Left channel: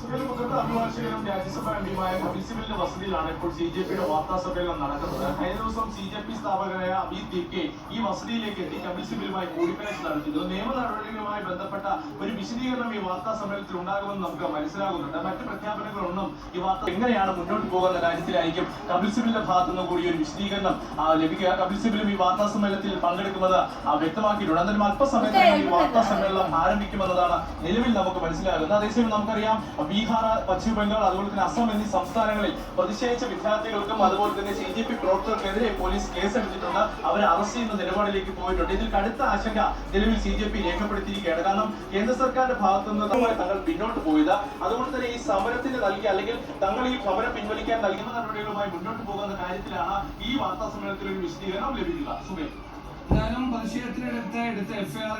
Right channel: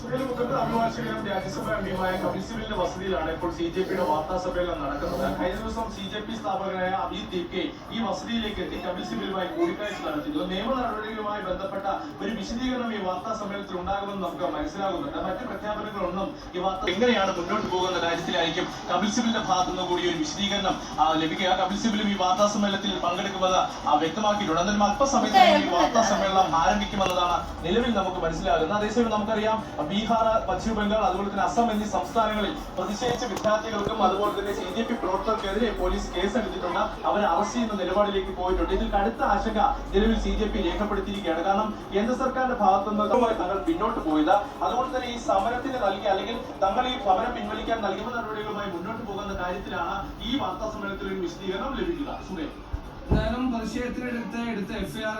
സുഹൃത്തുക്കളുടെ അഭിഭാഷകനും രാജ്യസഭാ അംഗവുമായ കപിൽ സിബലിന്റെ വസതിയിലാണ് ഇപ്പോൾ CJPയുടെ വാർത്താ സമ്മേളനം നടക്കുന്നത്. കഴിഞ്ഞ ദിവസം CJP സ്ഥാപകനായ അഭിജിത് ദീപ്കെ ഈ വസതിയിലേക്ക് എത്തി കപിൽ സിബലുമായി കൂടിക്കാഴ്ച നടത്തിയിരുന്നു. നിയമ നടപടികളുമായി ബന്ധപ്പെട്ട ഒരു വിശദീകരണം ഈ വാർത്താ സമ്മേളനത്തിൽ ഉണ്ടാകുമെന്ന് നമുക്ക് മനസ്സിലാകുന്നുണ്ട്. മറ്റ് പ്രഖ്യാപനങ്ങളൊന്നും ഈ വാർത്ത എങ്ങനെയാണ് മുന്നോട്ട് പോകുന്ന കാര്യത്തിലായിരിക്കും കപിൽ സിബലിന്റെ ഭാഗത്തു നിന്ന് കൂടി ഒരു വിശദീകരണം ലഭിക്കുക. കപിൽ സിബലും ഈ വാർത്താ സമ്മേളനത്തിൽ പങ്കെടുക്കുമെന്ന് വ്യക്തമാക്കിയിട്ടുണ്ട്. എന്നാലും അല്പസമയത്ത് ഈ വാർത്താ സമ്മേളനം ആരംഭിക്കുമെന്നതാണ് നിലവിൽ നമുക്ക് മനസ്സിലാകുന്നത്. അതേസമയം നമുക്കറിയാം ബീഹാർ, പശ്ചിമ ബംഗാൾ, അതുപോലെ തന്നെ അസം എന്നീ സംസ്ഥാനങ്ങളിൽ പ്രതിഷേധിച്ച വിദ്യാർത്ഥികൾക്കും അതുപോലെ തന്നെ CJP പ്രവർത്തകർക്കെതിരെ പോലീസ് കേസെടുത്തിട്ടുണ്ട്. അവരെ അറസ്റ്റ് ചെയ്യുന്ന നിലപാടിലേക്ക് പോയിട്ടുണ്ട്. ഇതിൽ കടുത്ത ആശങ്ക നിലവിൽ CJP രേഖപ്പെടുത്തിയിരിക്കുകയാണ്. കാരണം കേന്ദ്ര സർക്കാരിന്റെ ഭാഗത്തുനിന്ന് തങ്ങൾ പിന്നോട്ട് പോയത്. അതുകൊണ്ട് തന്നെ ഈ സമരത്തിന് നൽകിയ അല്ലെങ്കിൽ തങ്ങൾ ഈ സമരം പിൻവലിക്കാൻ നൽകുന്ന നടപടികളുമായി മുന്നോട്ട് പോകുന്ന കാര്യത്തിലാണ് ഈ വാർത്താ സമ്മേളനത്തിൽ ഒരു വിശദീകരണം ലഭിക്കുക. സുബൈ എന്തായാലും പ്രതിഷേധത്തിനെടുത്ത് FIR